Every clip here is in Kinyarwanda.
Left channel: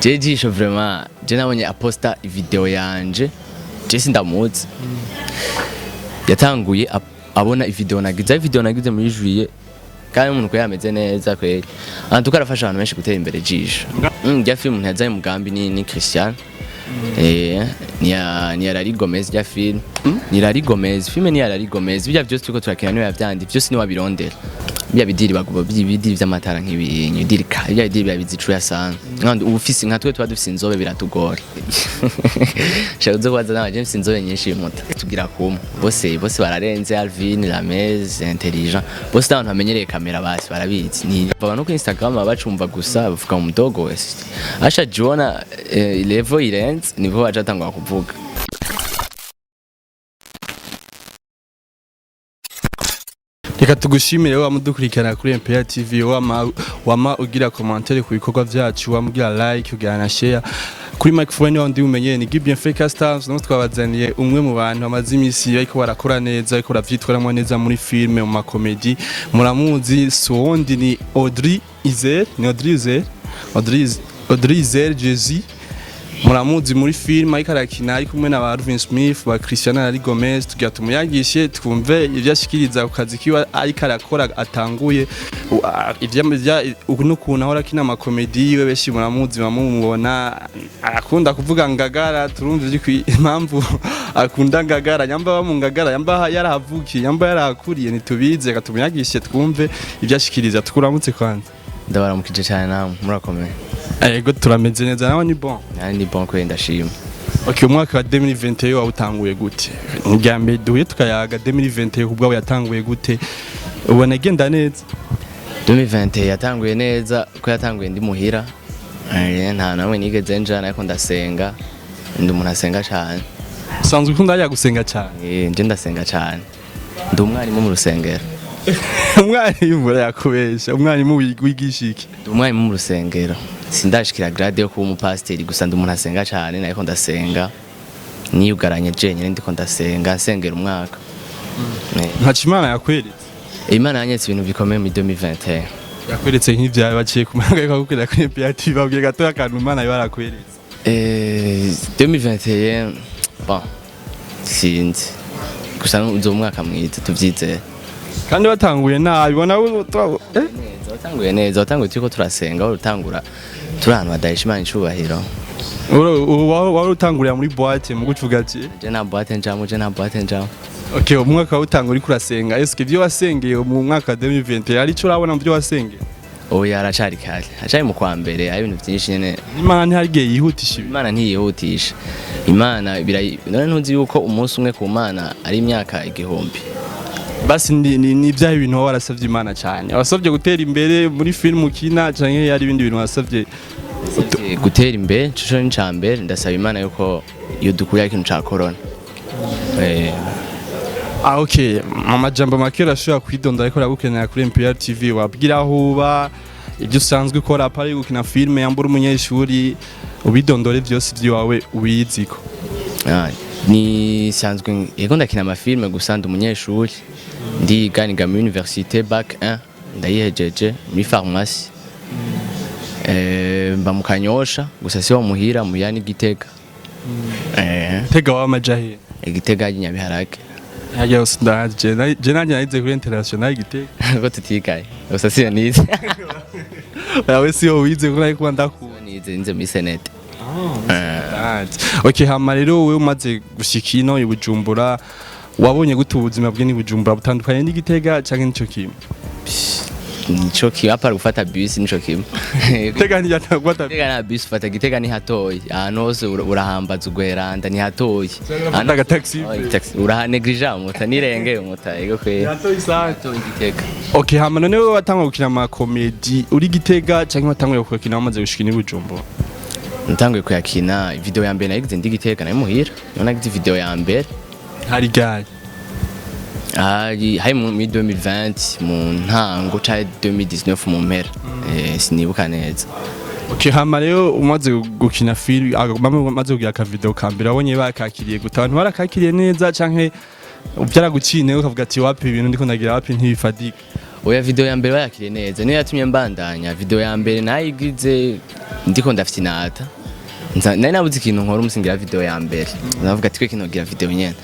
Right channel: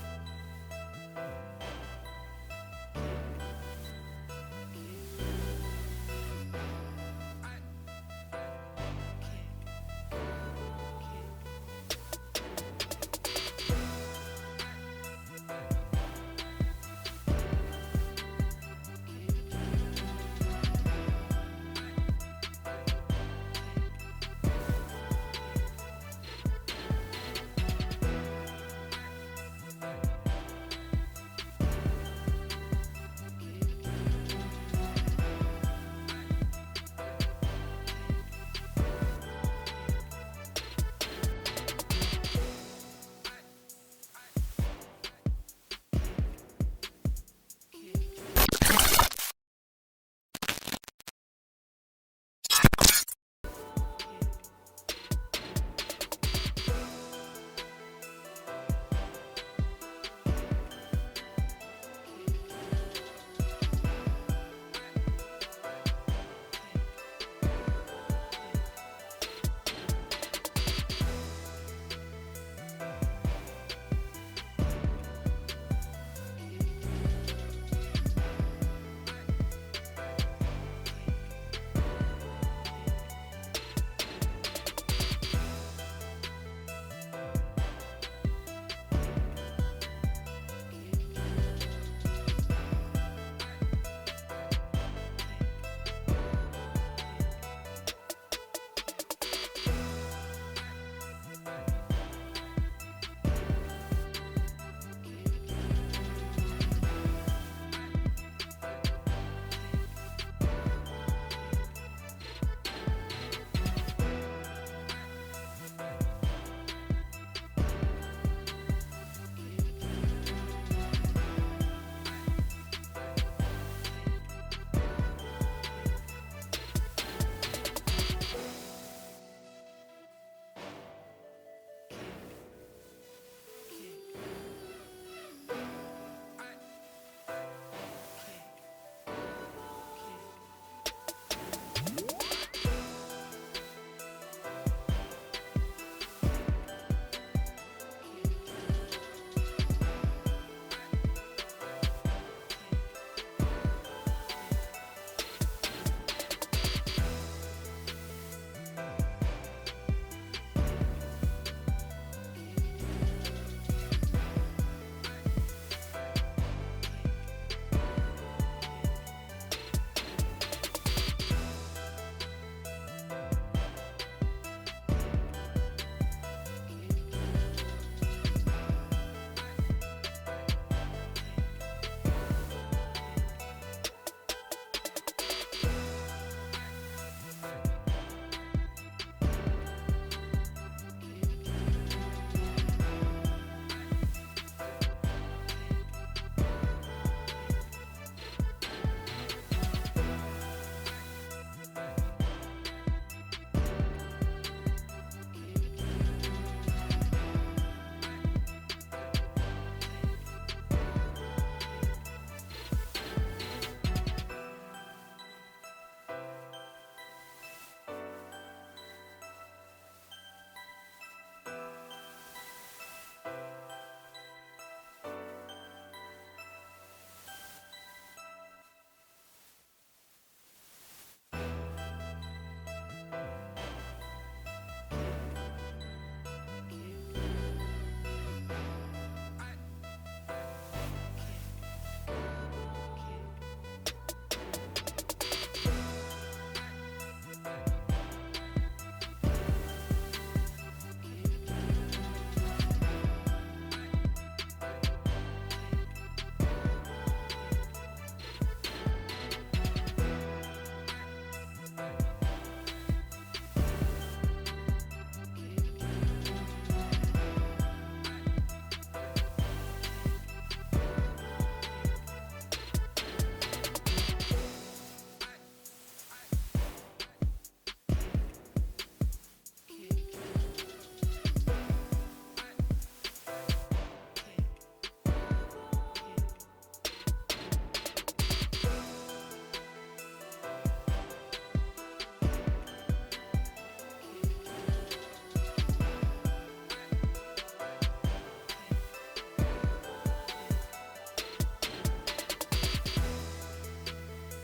je Jisho vraiment je nabonye aposta video yanje je sindamuzi yatanguye abona video nagize muri juillet kandi umuntu ko yameze neza kweli antu karafasha abantu benshi gutera imbere Jisho ya film ntazaye mugambi ni Christian ni Larry Gomez ya film ni Larry Gomez film ni Larry Gomez bijya byose tuko turakira niwe yavyandi byose ni wabirondera bya bidiri baguba bidiri vy'amatara nk'ibinyi bidiri ka bya bidiri babizicu yasanga nkandi ubufisi nka twe dufise inzobe biratugora shabuze kwaza na James inzobe nyinshi y'imota tugira kumwe bose bararenze Alvin Lamez intelligent bose abantu bamenyereye kamera basi barabizi ni abantu ku Instagram babacumva gusa bavuga mu dogo wese asha Jona level irenze nivo ajatangwa kuvuga Reka tugushimire wamudukurikirana kuri MPR TV wama ugira commentaire ku bikorwa byacu wamugira like ugira na share kuri microphone wandi umenye ni Gibien Fake Stars no twabazaniye umwe mu bantu amazi imisi ariko barakora neza ariko bavyitwaramo neza muri filme mu makomedi muramuzi sondi ni Audrey Izel Jezi muramuzi muri film ariko arakina ari kumwe na Alvin Smith ba Christian Larry Gomez tugira tumuyagishe twumve ivyashikiriza ku kazi kiwa ariko arakora atanguye n'ukuntu ahora kina amakomedi yiwe beshi muramuzi bamubona akunda kuvuga Ngagara turumva impamvu akunda Ngagara nyamba mu Ngagara yamba yarahavukiye yamba yarakuriye nitubize katumuyagishe twumve ivyashikiriza tukuramutse kwanza ndabaramukije cyane namwe murakomeye Ego turameze neza nawe ni bon. Ni bon ko ndashima. Okay umwaka wa 2021 wawutanguye gute? Ngambe duye tukayaga 2021 kubwa yatanguye gute? Ubona genda neza. 2020 yatanguye neza ko yatanguye ndi muhira. Nta nawe nigeze njana ariko ndasenga. Ndi umuntu asenga cyane. Sanzwe ukunda ya gusenga cyane. Nje ndasenga cyane. Ndi umwarimu mu rusengero. Umwarimu yakubesha umwarimu wigishiki. Ndi umwarimu mu rusengero. Sindashikira grade yo kuba umupasteri gusa ndi umuntu asenga cyane nariko ndasenga niyugaranye jenyine ndiko ndasenga sengera umwaka Ntacimana yakweretse Imana yanyetse ibintu bikomeye mu 2021 yakweretse nk'ivyaye baciye kumanga yakubwira ko MPR babwiye gato akantu Imana yarakweretse 2021 bon sinzi gusa nzo umwaka mwiza tuvyizeye kandi batanguye nabi bona watanguye neza watanguye turiko turasenga urutangura turana badayishimana icubahiro wari utangurira muri boîte mu gucuga ati je na boîte njamo Okay umwaka utangura uri kurasenga eske byo wasengeye mu mwaka 2020 ari cyo urabona mu byo wasengeye oya aracari kare acari mu kwa mbere ari ibintu byinshi nyene Imana ntiharigiye yihutisha Imana ntiyihutisha Imana none ntuzi yuko umunsi umwe ku Mana ari imyaka igihumbi basi ni bya ibintu warasavye Imana cyane wasavye gutera imbere muri film ukina canke yari ibindi bintu wasavye gutera imbere cyo ncambere ndasaba Imana yuko iyo dukuriye ikintu ca corona okay amajambo makera ashobora kwidonda ariko ragukenera kuri MPR TV wabwira ahuba ibyo usanzwe ukora apari gukina filme yambura umunyeshuri ubidondore byose byiwawe ubiziko ni sanzwe yego ndakina amafilme gusa ndi umunyeshuri ndiganiga muri université bac 1 ndayihejeje muri pharmacie mba mu Kanyosha gusa si wo muhira mu yani Gitega Tega wa majahe Gitega y'Inyabiharage Hajya usndaje nanjye nayize kuri international Gitega ko tutikaye gusa si nize yawe si yo wize kuri ariko nize muri senete Okay hama rero wewe umaze gushikino ibujumbura wabonye gute ubuzima bwe ni Bujumbura butandukanye n'Igitega canke nico kimwe nico kimwe apara gufata bus nico kimwe Gitega ni yatagwata Gitega na bus fata Gitega ni hatoyi ahantu hose urahambaza ugweranda ni hatoyi anaga taxi urahanegrija muta nirenge umuta ego kwe hatoyi sato Gitega Okay hama none wewe watangwa gukina ama comedy uri Gitega canke watanguye gukina wamaze gushikina Bujumbura Ntanguye kuyakina video ya mbere nagize ndi Gitega nayo muhira nagize video ya mbere hari gari hari mu 2020 mu ntango ca 2019 mu mpera sinibuka neza Okay hama rero umaze gukina film umaze kugira ka video ka mbere abonye bakakiriye gutabantu barakakiriye neza canke byaragukine ukavuga ati wapi ibintu ndiko ndagira wapi ntibifadika oya video ya mbere bayakiriye neza niyo yatumye mbandanya video ya mbere nayigize ndiko ndafite inata nari nabuze ikintu nkora umusingira video ya mbere navuga ati kino gira video nyene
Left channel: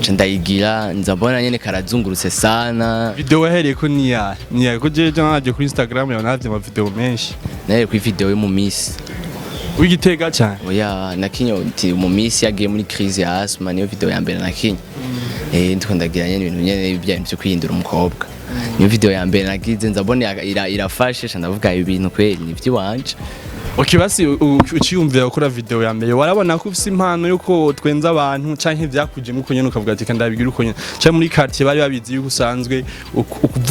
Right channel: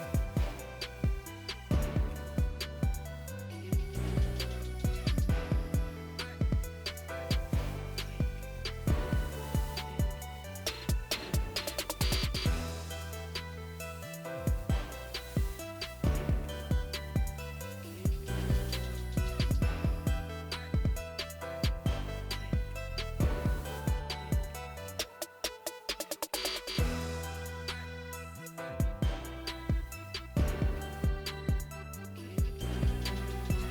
nca ndayigira nzabona nyene karazungurutse sana video wahereye ko niya ko jeje naje kuri Instagram ya navye ama video menshi naye kuri video yo mu miss wigitega cyane oya nakinyo mu miss yagiye muri crise ya asthma niyo video ya mbere nakinyo ndiko ndagira nyene ibintu nyene byo kwihindura umukobwa niyo video ya mbere nagize nzabona irafashe ndavuga ibintu kweli ni by'iwanje. Okay, basi uciyumvira gukora video ya mbere warabona ko ufise impano yuko twenza abantu canke vyakuje muko nyene ukavuga ati kandabigira uko nyene canke muri quartier bari babizi yuko usanzwe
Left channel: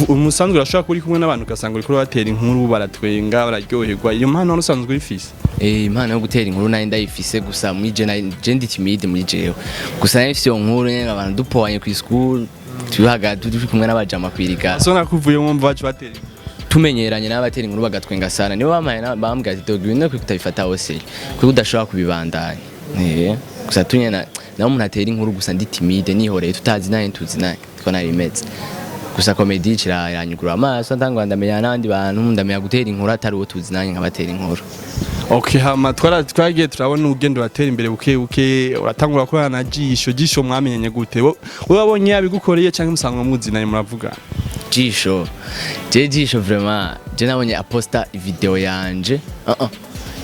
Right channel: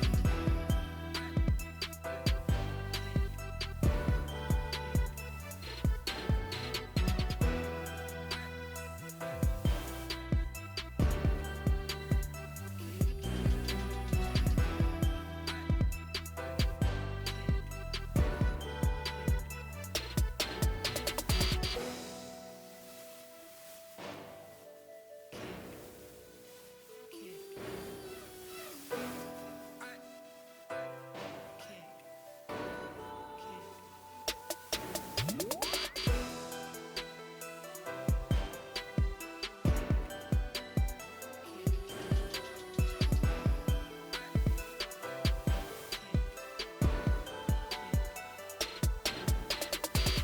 umusanzwe urashobora kuri kumwe n'abantu ugasanga uriko batera inkuru baratwenga bararyoherwa iyo mpano usanzwe urifise impano yo gutera inkuru nayo ndayifise gusa muri je ndi timide muri jewe gusa nayo ifise iyo nkuru nyene abantu dupowanye ku school tubihaga turi kumwe n'abajama kwirika so nakuvuye mu mvacu batera tumenyeranye n'abatera inkuru bagatwenga sana nibo bamaye bambwira ati dog ibintu kutabifata hose kuko udashobora kubibandanya gusa tunyena naho umuntu atera inkuru gusa ndi timide nihoreye tutazi naye tuzi naye ko nari meze gusa comedy iranyugura amaso ndangwa ndamenya n'abandi bantu ndamenya gutera inkuru atari uwo tuzi naye nkabatera inkuru. Okay, hama twagiye turabona ugendo batera imbere buke uratangura ko na Jisho mwamenyenye gute wowe wabonye yabigukoreye cyangwa musanga muzi naye muravuga Jisho vraiment je nabonye aposta video yanje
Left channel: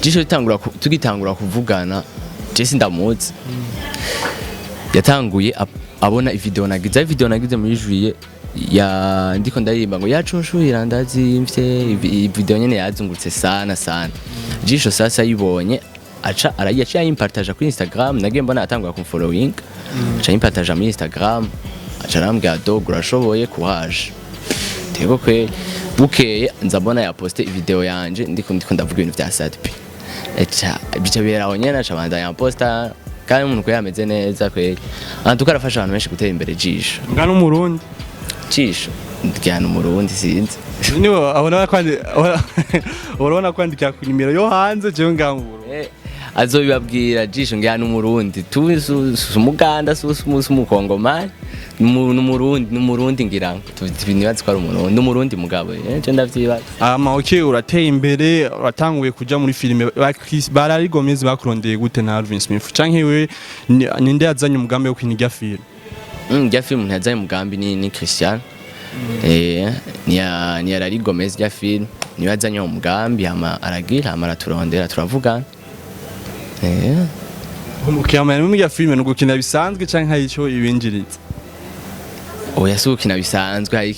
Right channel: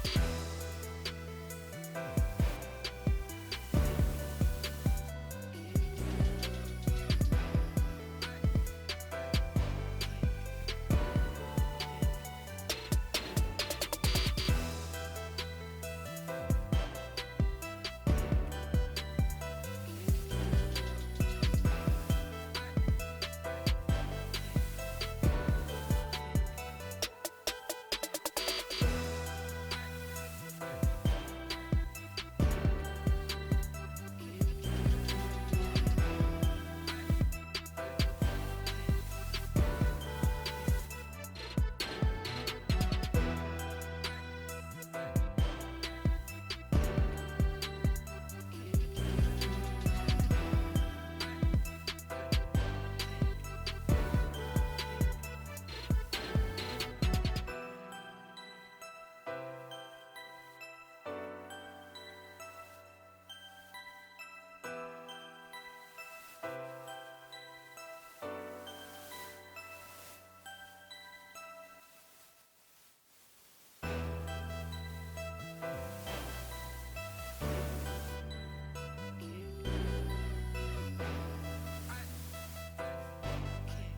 Jisho tugitangura kuvugana je sindamuzi yatanguye abona video nagize muri juillet ya ndiko ndaririmba ngo yacunshurira ndazimvye video nyene yazungurutse sana Jisho sasa yibonye aca arayacha impartage kuri Instagram nagiye mbona atangura ku following aca impartage muri Instagram aca arambwira dog urashoboye kuhaje tego kwe bukeye nzabona ya poste video yanje ndiko ndavuga ibintu vya sadp bica beraho nyene aca bandanya posta kandi umuntu ko yameze neza kwe tukarafasha abantu benshi gutera imbere Jisho ngana umurundi Jisho ndikana umurundi sinzi niwo urabona kwandika ku nimero yo hanze je ngangu azobibabwira Jisho ngana umurundi umuganda umukongomani numurundi ngira ibintu bazikora umurundi mugabo je ndavyibaza okay urateye imbere uratanguye kuja muri filime bararigomezi bakurondeye gute na Alvin Smith canke we ninde yazanye umugambi wo kwiniga film njya film ntazanye umugambi ni Christian ni ararigomezi ya film ni yazanye umugambi aragira araturondera turavugana umukiyamana mu ya film no gukina bisanzwe canke hari ico ibinjiriza oya sukina bisanzwe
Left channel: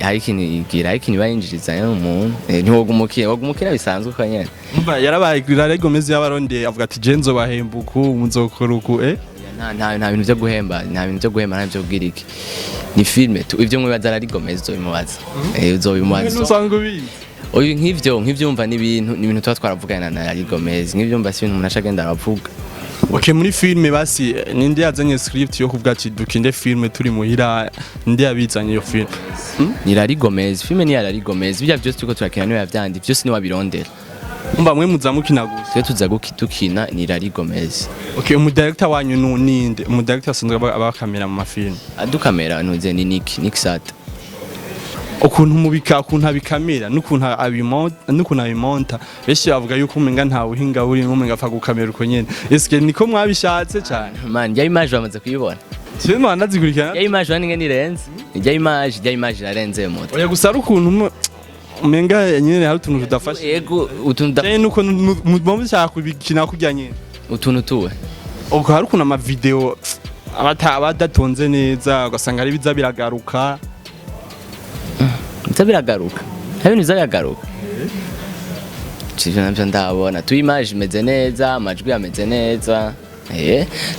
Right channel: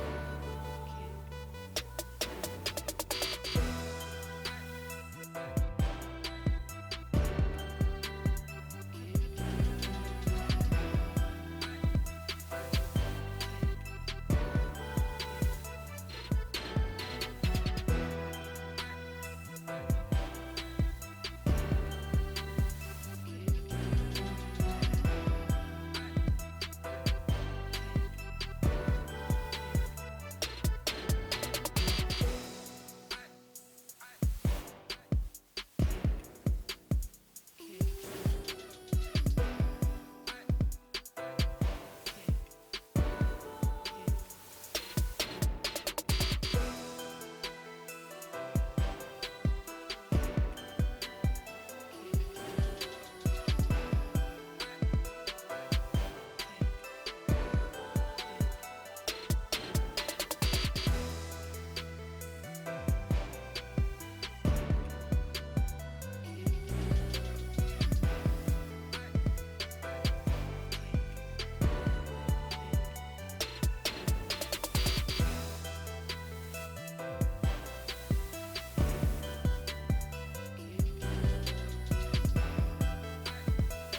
hari ikintu bayinjiriza n'umuntu ntiwogumukira bisanzwe ko nyene umva yarabaye ararigomezi y'abaronde avuga ati je nzobahembuku muzokora uku nta bintu byo guhemba nta byo bwira iki ni filme ivyo mwibaza ararigomezi uzobimubaza uzobimubaza usanga ubizi oyu nk'ivyo umva ni ibintu tuba twaravugana na ararigomezi nk'ivyo umva si ibintu umuntu ashagenda aravuga. Okay, muri filme basi ninde yazanye script yo kuvuga ati dukinde filme turi muhira ninde yabizanye iyo filme ni ararigomezi filme ni ararigomezi bijya byose tuko turakina niyo yavyandi byose ni wabirondera umva mwe muzamukina gusa twe tuza tukina ni ararigomezi. Okay, umudirector wanyu ninde umudirector asanzwe abakamera mu mafilme adukamera ntuze ni Nick Sata ukuntu abikamera n'ukuntu abimonta benshi bavuga yuko umenga nta buhinga buri n'umenga apfa gukamera uko nyene eske niko mwabishatse cyane man ya image bamaze kuyibona cyo mwana zikurikirana ya image wange ni renze ya image yarenze moto oya gusa ukuntu umenga nyene hari utuntu tudafasha yego utuntu nuko mubomba cyaka kubikina kujya nyene utuntu tuwe ubwo hari ukuntu ama video abadatonze neza ugasanga ari biza biragaruka biragaruka hari ibintu bizagaruka navyo ndabona tu image imeze neza amajwi yameze neza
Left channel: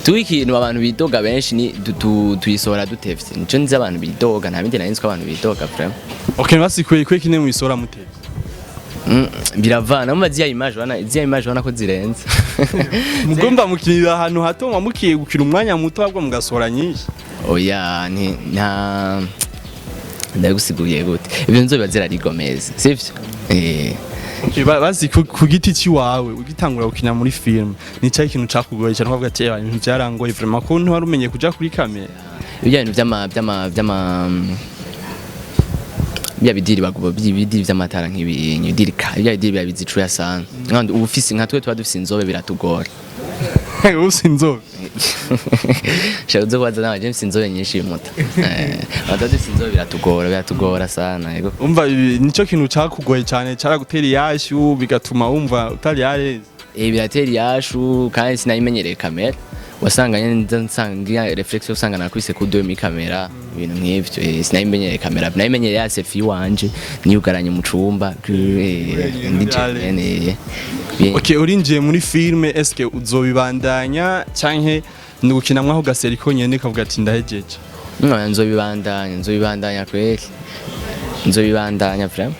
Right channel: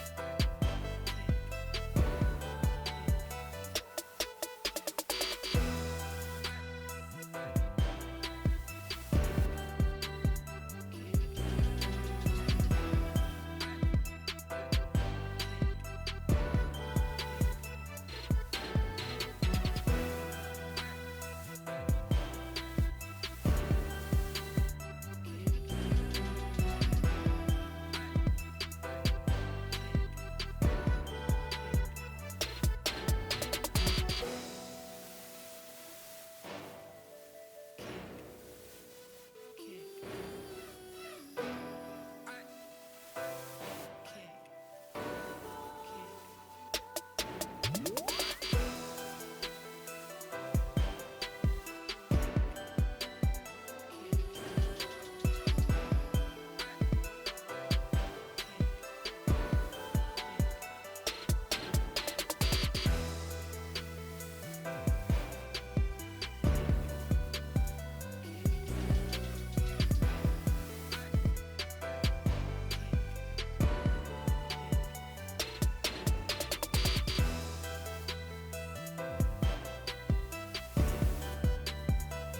tu ikintu abantu bidoga benshi ni tuyisohora dutevye nico nzi abantu bidoga nta bindi narinzi ko abantu bidoga vraiment. Okay, basi kwe kine mwisora mutevye biravana mu ziya image wana ko zirenze mugomba mukirira ahantu hato mukiye gukira umwanya muto ahubwo mugasora nyinshi oya ni nta ndagusiguye gute ibyo nzoba zirarigomeza sivyo bazi ku giti ciwawe ugitangura gukina muri film ni cyo ikintu cakugoye cyane uvuga ati ibintu byarangoye vraiment ko ntu warumenye kuja kuri kamera ibyo bintu bya bidiri bagubo bidiri vy'amatara nk'ibinyi bidiri bya bidiri bya bizicuya sana kandi ubufisi nka twe tuba dufise inzobe biratugora usi inzobe shabuze kwaza nawe je mfise inzobe nyinshi muta dufise inzobe biratugora sana yego umva nico kintu cakugoye cyane caragutera iyashu bigatuma wumva utari yareze biratera iyashu kandi sinayimenyereye kamera wasanga nsanga reflex usanga nakwise ku 2 kamera ibintu nk'ivyo sinayimenyereye kamera nayimenyereye ya selfie wanje niyugaranye mu cumba ndije Okay, urinjiye muri filme eske uzobibandanya canke nugukinamwa aho gaseri ko nyene kavuga ati ndahejeje nzobibandanya kweli nzobibandanya vraiment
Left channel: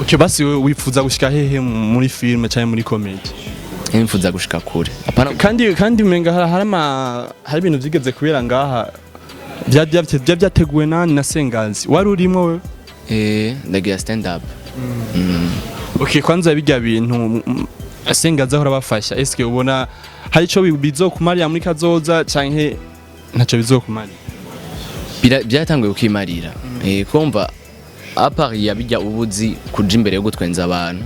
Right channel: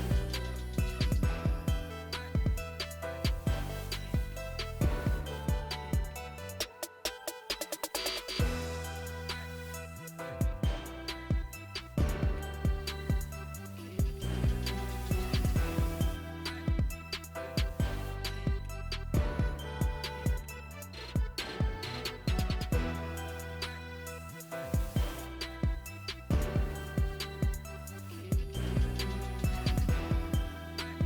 Okay, basi wifuza gushika hehe muri filme canke muri comedy nifuza gushika kure kandi umenga hari ibintu vyigeze kubera ngaha vyateguwe nani na Sengazi wari urimo we ndagira stand up Okay, kwanza bijya bintu Sengazi ahora bafasha eske ubona hari ico bizokumarira muri kazoza canke ntaco bizokumarira byatanguye kukimarira kumva apart yabijya ubuzi kuja imbere yo gutwenza abantu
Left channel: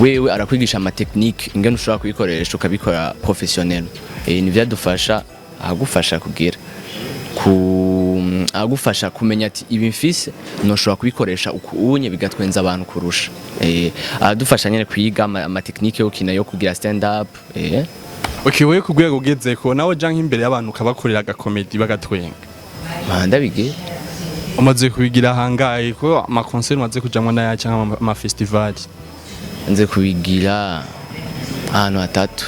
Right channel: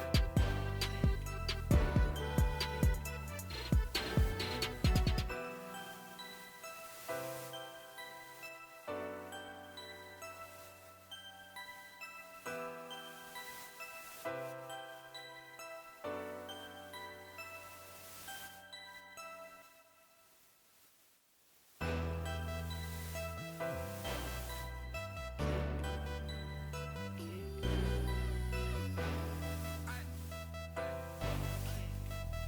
wewe arakwigisha ama technique ingene ushobora kubikoresha ukabikora professionnel ni vyadufasha agufasha kugira agufasha kumenya ati ibi mfise noshobora kubikoresha ukunye bigatwenza abantu kurusha adufasha nyene kwiga ama technique yo kina yo kugira stand up Okay, wewe kugwego ugezeko nawe janka imbere y'abantu ukabakorera aga comedy bagatwenga ndabige umaze kubigira hangaye ko ama concert umaze kujamwa naya cyangwa ama festival nze kubigira ahantu atatu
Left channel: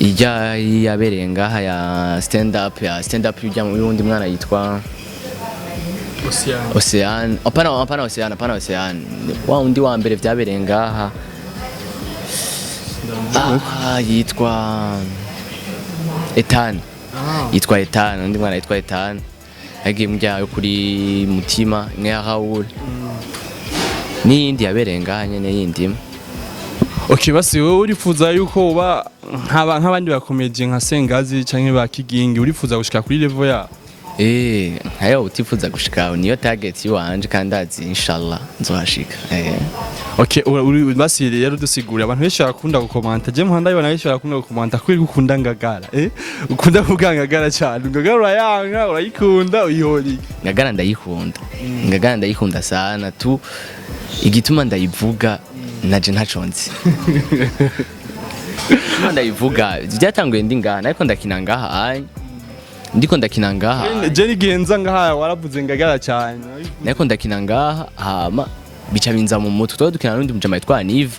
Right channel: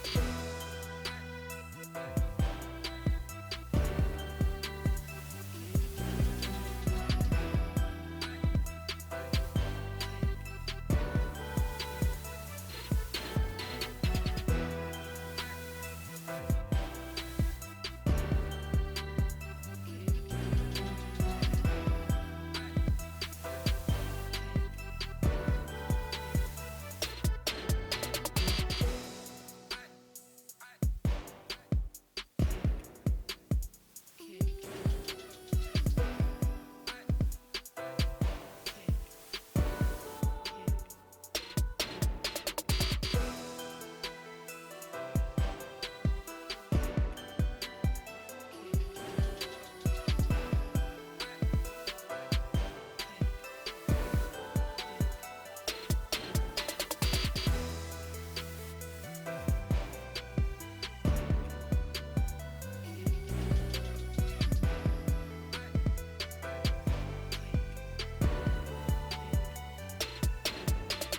ijya yabereye ngaha ya stand up ujya mu wundi mwana yitwa Ocean apana Ocean wa undi wa mbere vyabereye ngaha yitwa Ethan yitwa Ethan undi mwana yitwa Ethan yagiye mujya kuri mutima nka Raoul n'iyindi yabereye ngaha nyene yindi. Okay, basi wowe urifuza yuko uba nk'abandi bakomeje nka Sengazi canke ba Kigingi urifuza gushika kuri level ya hayo utifuza gushika niyo target yiwanje kandi azi inshallah nzohashika Okay, basi rero dusigura abantu benshi bakunda gukomanta je muhanda yibona benshi bakunda gukomanta kuri gukunda Ngagara ukunda kuvuga Ngagara cyane Ngagara urayanga urayikunda uyihori Ngagara ndayikunda sana tu igituma ndayivuga naje ntaconze ndayivuga byatanguye ndi ngaha ariko ndakina ngaha ndiko ndakina ngaha je nigenza ngaha waravuze Ngagara cyane ariko ndakina ngaha hama bica binza mu mutwe twa dukina n'undi mujama yitwa Nive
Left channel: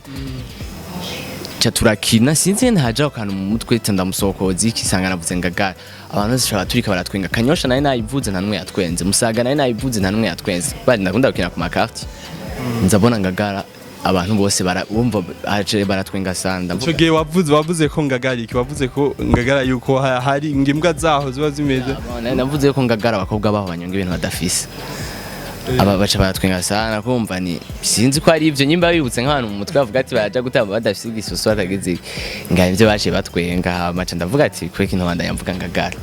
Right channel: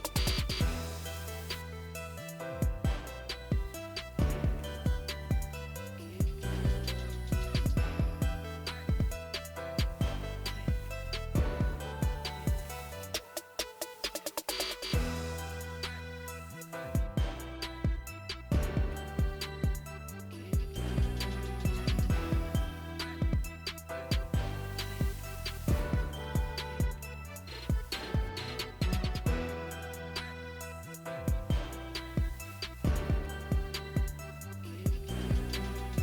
cha turakina sinzi ntaje akana mu mutwe ndamusokoza ikisanga navuze Ngagara abantu bashaka turika baratwenga kanyosha naye nayivuze nta numwe yatwenze musaga naye nayivuze nta numwe yatwenze bari ndakunda gukina ku makarti nzabona Ngagara abantu bose barumva aje baratwenga sanda ico gihe wavuze ko Ngagara wavuze ko Ngagara yuko hari ngimbwa zaho ziba zimeze navuze ko Ngagara abakobwa baho banyonga ibintu badafise aba baca baratwenga sana kumva ni sinzi ko ari ivyo nyimba bibutse nk'abantu mu mutwe bavuga ati baja gutamba badafise igisusu atagize ngaye ivyo baje batwenga maca ndavuga ati kwe kintu banda yamvuga Ngagara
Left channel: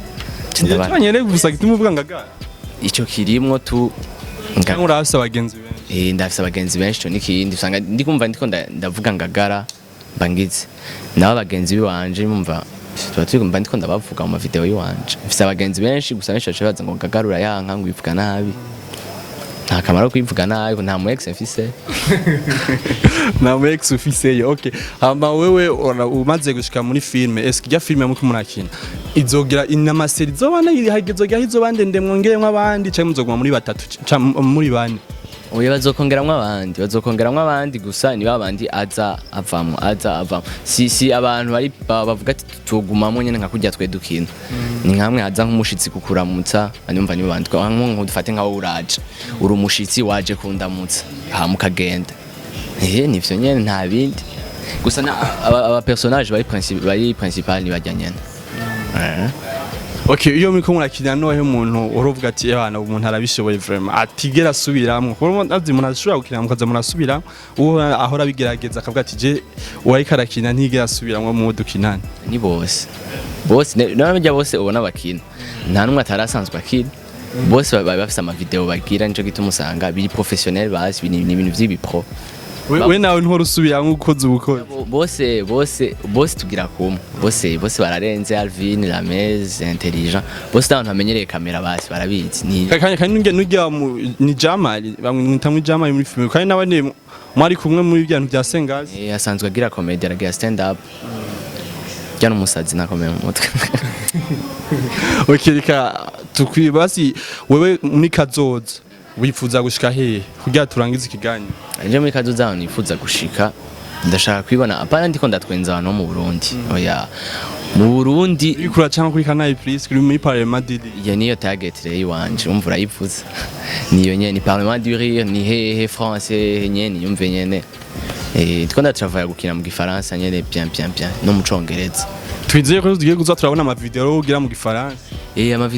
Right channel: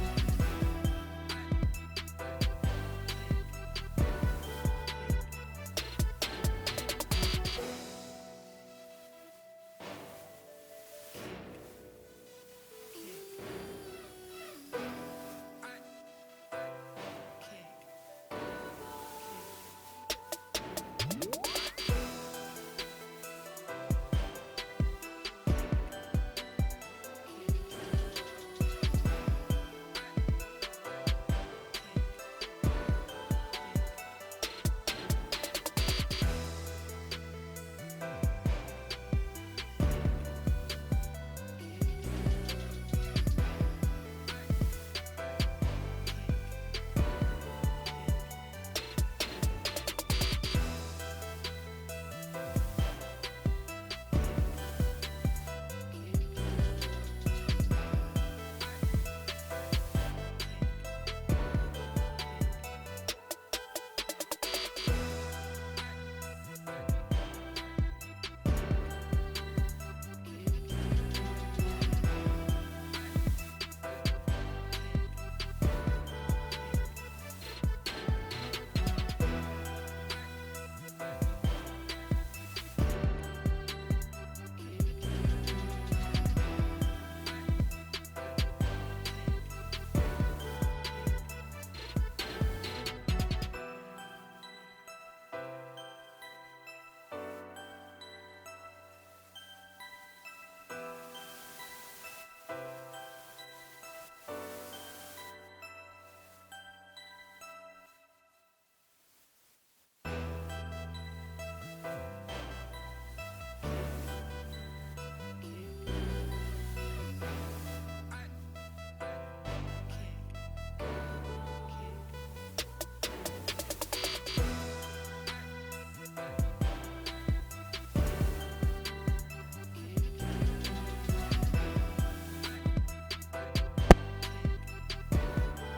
cyane gusa gituma uvuga Ngagara ico kirimwo tu urafise abagenzi ndafise abagenzi benshi cyo nikindi usanga ndikumva ndiko ndavuga Ngagara bangize naho abagenzi biwanje mumva tuba ndiko ndabavuga mu video yiwanje mfise abagenzi benshi gusa benshi bacabaza ngo Ngagara urayanka ngo bivuga nabi nta kamaro kwivuga nabi nta mu ex mfise na mu ex ufise okay hama wewe umaze gushika muri filme eske ya filme muko murakina izogira inama seri zobana ihagezogira izobande ndemwongeremwe abandi cyangwa muzoguma muri batatu muri bane oya bazokongeramwe abandi gusa ni babandi aza avamo si abantu bari bavuga ati tugumamo nyene nka kurya twe dukina ni nkamwe aza nk'umushitsi kukuramutsa anyumva ni bandi nko dufate nkaho uraje uri umushitsi waje kundamutsa ha mukagenda nivyo nyene nta bindi gusa aba personnage bari principal ni bajya nyene Okay, iyo miko murakina nohe umuntu uruvuga ati abana umuntu arabishoboye vraiment atigera subiramwe kuko navyo umuntu ashobora gukina mukaza murasubira uwo ahora bigerageza akavuga ati je wari karakina ntigera subiramwe mu dukinana ni bose n'abajya bose ubona bakina nta numwe atarasanzwe akina bose baba bafise ama video bagira nico gituma usanga biri professionnel basi ni ibintu vy'ibipro we nawe ntoro usubira nk'ukoze ubukora bose tugira kumwe bose bararenze Alvin Lamez intelligent bose abantu bamenyereye kamera basi barabizi ni kandi nujya ni Jamali bamwitamwe Jamali muri film kandi nawe ni mwari kumwe muri byantu bya Sengazi asanzwe agira comedy aragira stand up cyane umusazi nakomeye mu mutwe okirika tukwibasi wewe muri kazoza wifuza gushika hehe kugira turangize ikiganiro nje muri kazoza nifuza gushika ndashaka kwibona apana ndiko ndatwenza abantu mu Burundi oya mu Burundi ikura cyangwa kuri Canal Plus kuri muri Parlement du Rire ya niyo target rero wanje umva urayivuze niyo nyene Parlement du Rire ni hehe français nyene yumve nyene ndiko ndatravaye gukina mu gifaransa nyene bien no mu congereza twizeye ko tugiye kuza turabona ama video ugira mu gifaransa ama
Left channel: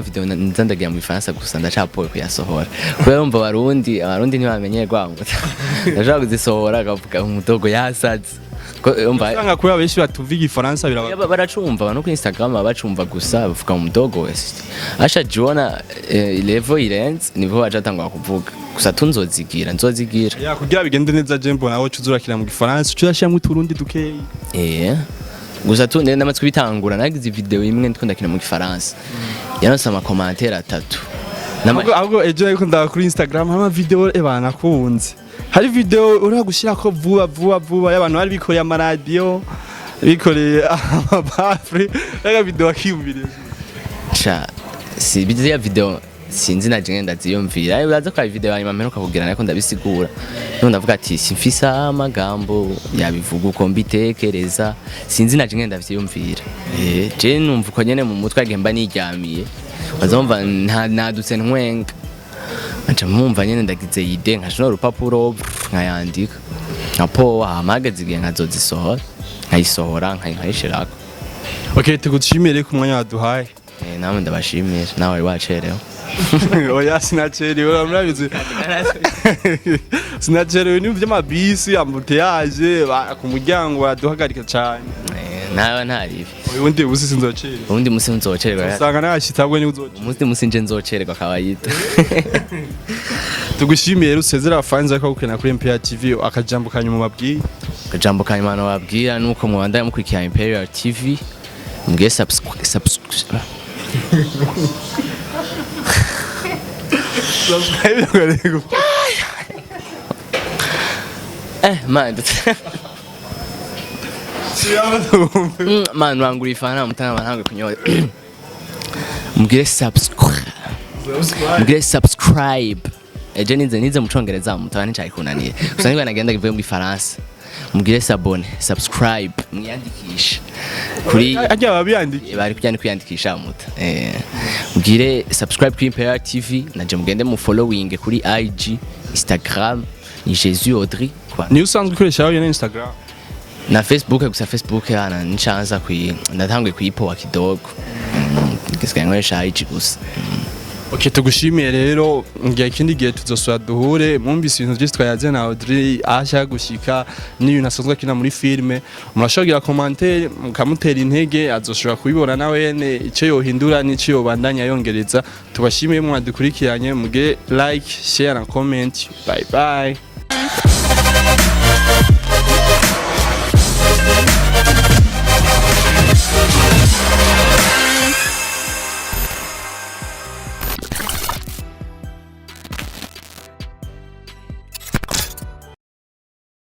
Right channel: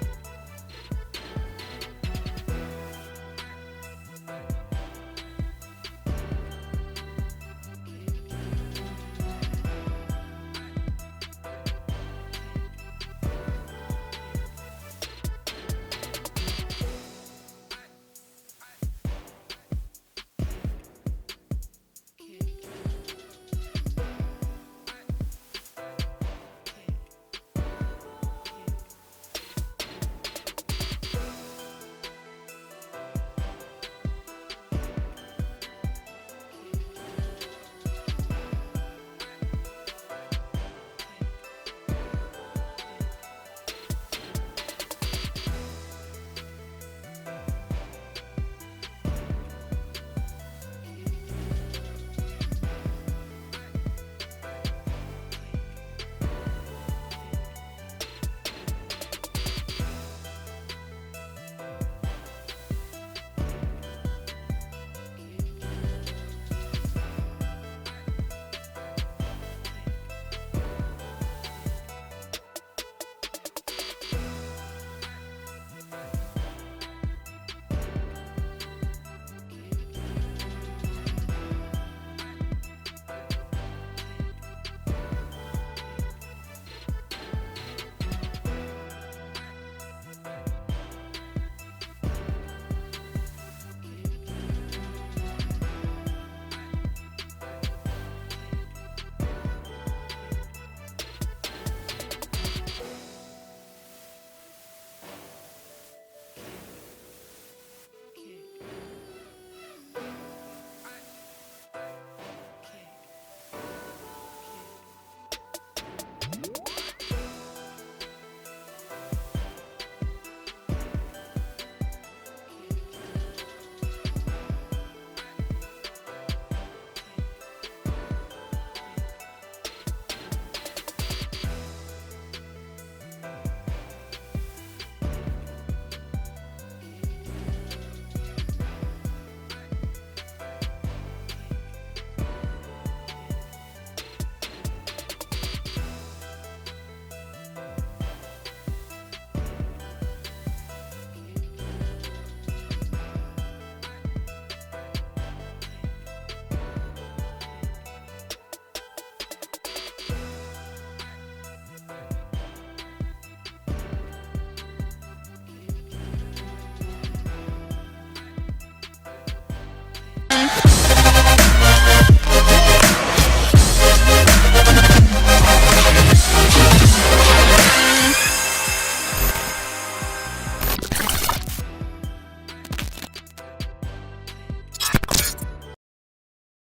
video nzandagira mu gifaransa gusa ndacapoye kuyasohora kubera umva abarundi ntibamenye gwango ndashaka kuzisohora akavuga umudogo yasaze umva kubera benshi batuva igifaransa biraba baracumva abantu ku Instagram bacumva gusa bavuga umudogo asha Jona level irenze nibo bacatangwa kuvuga gusa nzozigira ya kugira bigende neza jembo nawe cuzurakira mu gifaransa cyurashya Turundi dukeyi gusa tunde namatswe bitangura nagize video imwe ndiko ndakina mu gifaransa yaronse ama commentaire 3 ahubwo ejo ariko ndaba kuri Instagram ama video ebana kunze hari video uri gushira ko vuba y'abantu bari bikoreye ama radio bikoreye amabafre rega video akiyumvire si video sinzi na jenge ndaziyumvira uraza kwa video hanyuma mperuka kugira nako ndabisigura none ndavuga ati simfisa amagambo yabivuga uko mbitekereza sinzi na jenge ndavyiyumvira je numva uko nyene mu mutwe agemba niryamiye bazomva nadutse ntwenga aca mwumva nyene ndagize ide nkashona urupapuro nkayandika napo amagaze igihe nkazozisohora nkayisohora nkayishirako okay tugushimire ku mwanya waduhaye nawe ndabashimira nawe wacerewe oya sinacerewe uramurabize sinacerewe ni by'amabisi ambuteyaje ku muryango baraduhagarika cyane nawe ntaribi ubundi musi sinzocererwa ubundi musi nzocererwa usanga nashyitabwe ni uzocererwa umunsi musi nje nzocererwa kabayita tugushimiye rusezera abafanzi ko gukena kuri Imperial TV akajambo kanyuma babwiye akajambo kanyuma babwira nuko mubandanya mukurikira Imperial TV mge subscribe man wangura ifana mutana banange kunyoye mugire subscribe eje nize mu congereza mutana nicyayikunaniye gusa niba nagenda givuye mu Faransa mugire subscribe mwiyandikisha kuri ajya babiyandikisha bari kwiyandikisha muta mugire subscribe kuri Imperial TV naje mugende mu following kuri IG Instagram ni Jesus Audrey ni usanzwe ukoresha aho Instagram na Facebook gusa Facebook yana nichanza ndatanguye kuyipoa kidogo kisigaye nkoresha IG gusa okay tugushimiye rero ngiye kindi gihe tuzosura duhure mwumvise ibintu byose twayaze na Audrey asha gushika niyo nasozwa kina muri filme murashogira commentaire mukamutera intege azoshobora kubibona nawe ne icyo yohindura n'icyo yobandanya yongereza tubashimiye mwadukurikiranye muge like share na comment bye bye